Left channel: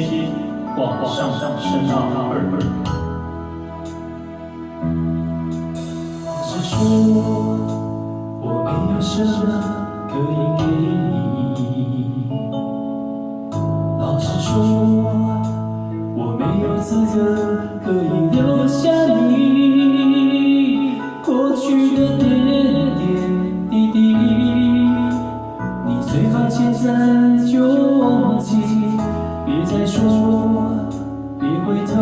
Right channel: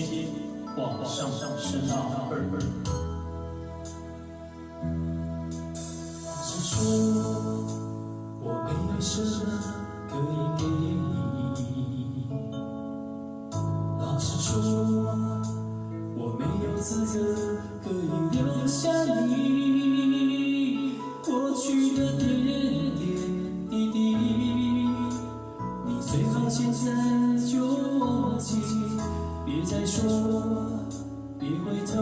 接往上升到2。只说我没有什么可以给你，老实说，我没有资格可以留下你过去的点点滴滴，你最好现在就忘记，别再说，别回头，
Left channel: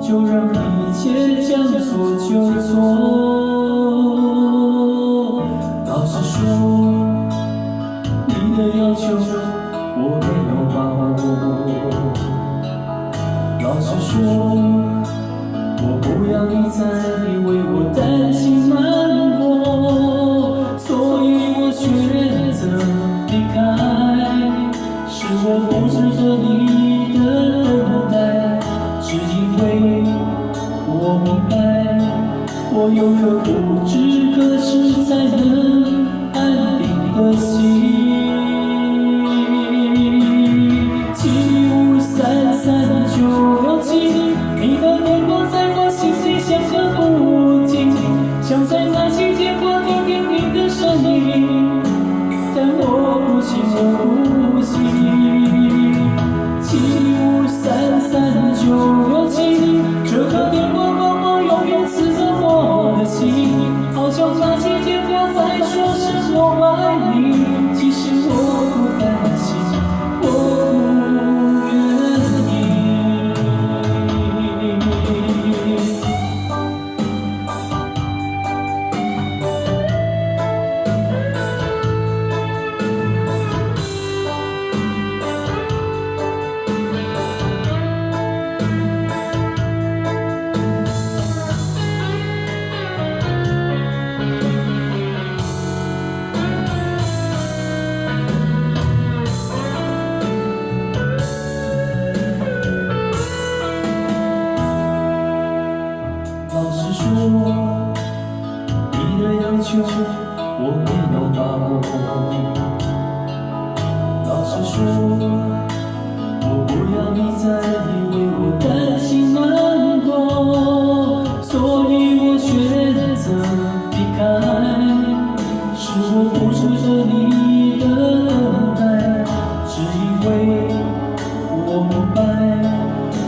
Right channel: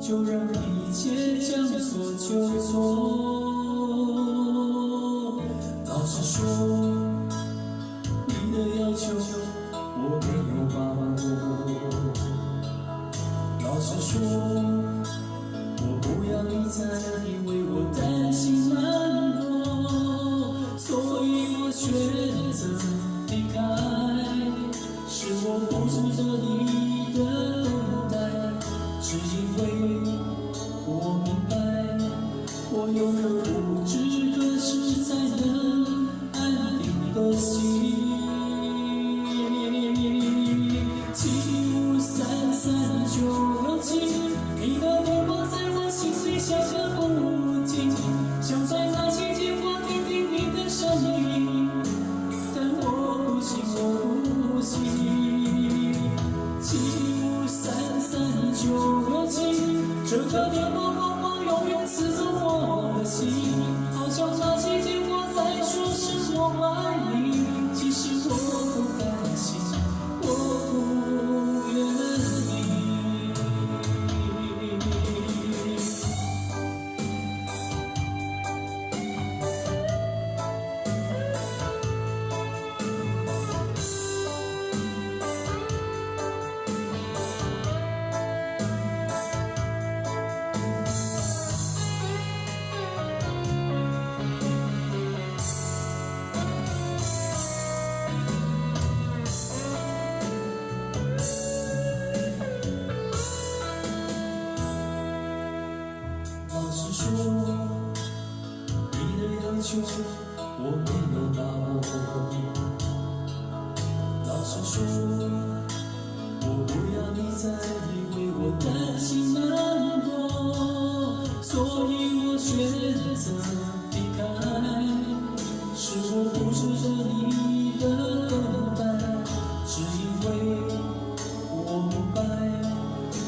就让一切将错就错。老实说，你的要求我没有把握。老实说，我不要你再为我担心难过，所以我选择离开。是我不值得你的等待，只因为我明白，我有颗不知何时才能安定的心。7533967，你的电话在我心里响个不停，想在那期间我听听你的声音，但我不行，我不行。7533967，这个电话号码永远刺着我的心，好像那期间我在说声我爱你，其实我不甘心，我不愿意。老实说，你的要求我没有把握。老实说，我不要你再为我担心难过，所以我选择离开。是我不值得你的等待，只因为我明白，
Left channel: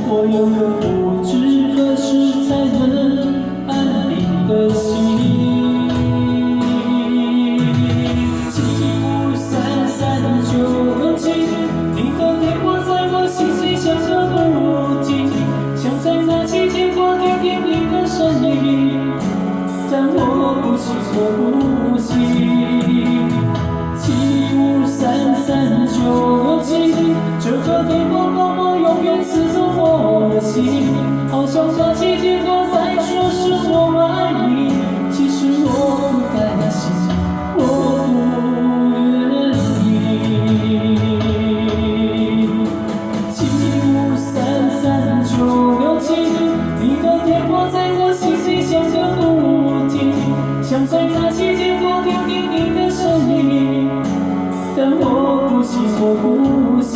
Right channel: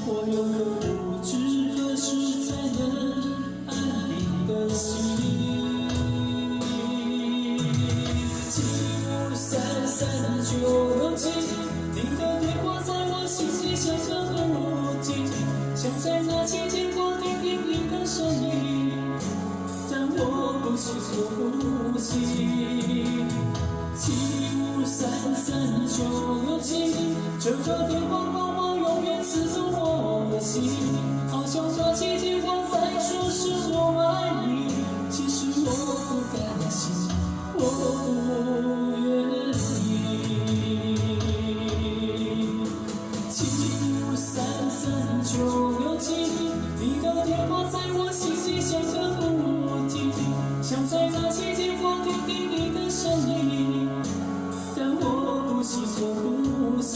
我有个不知何时才能安定的心。7533967，你的电话在我心里响个不停，想在那期间我听听你的声音，但我不行，我不行。7533967，这个电话号码永远刺着我的心，好像那期间我在说是我爱你，其实我不甘心，我不愿意。7533967，你的电话在我心里响个不停，想在那期间我听听你的声音，但我不行，我不行。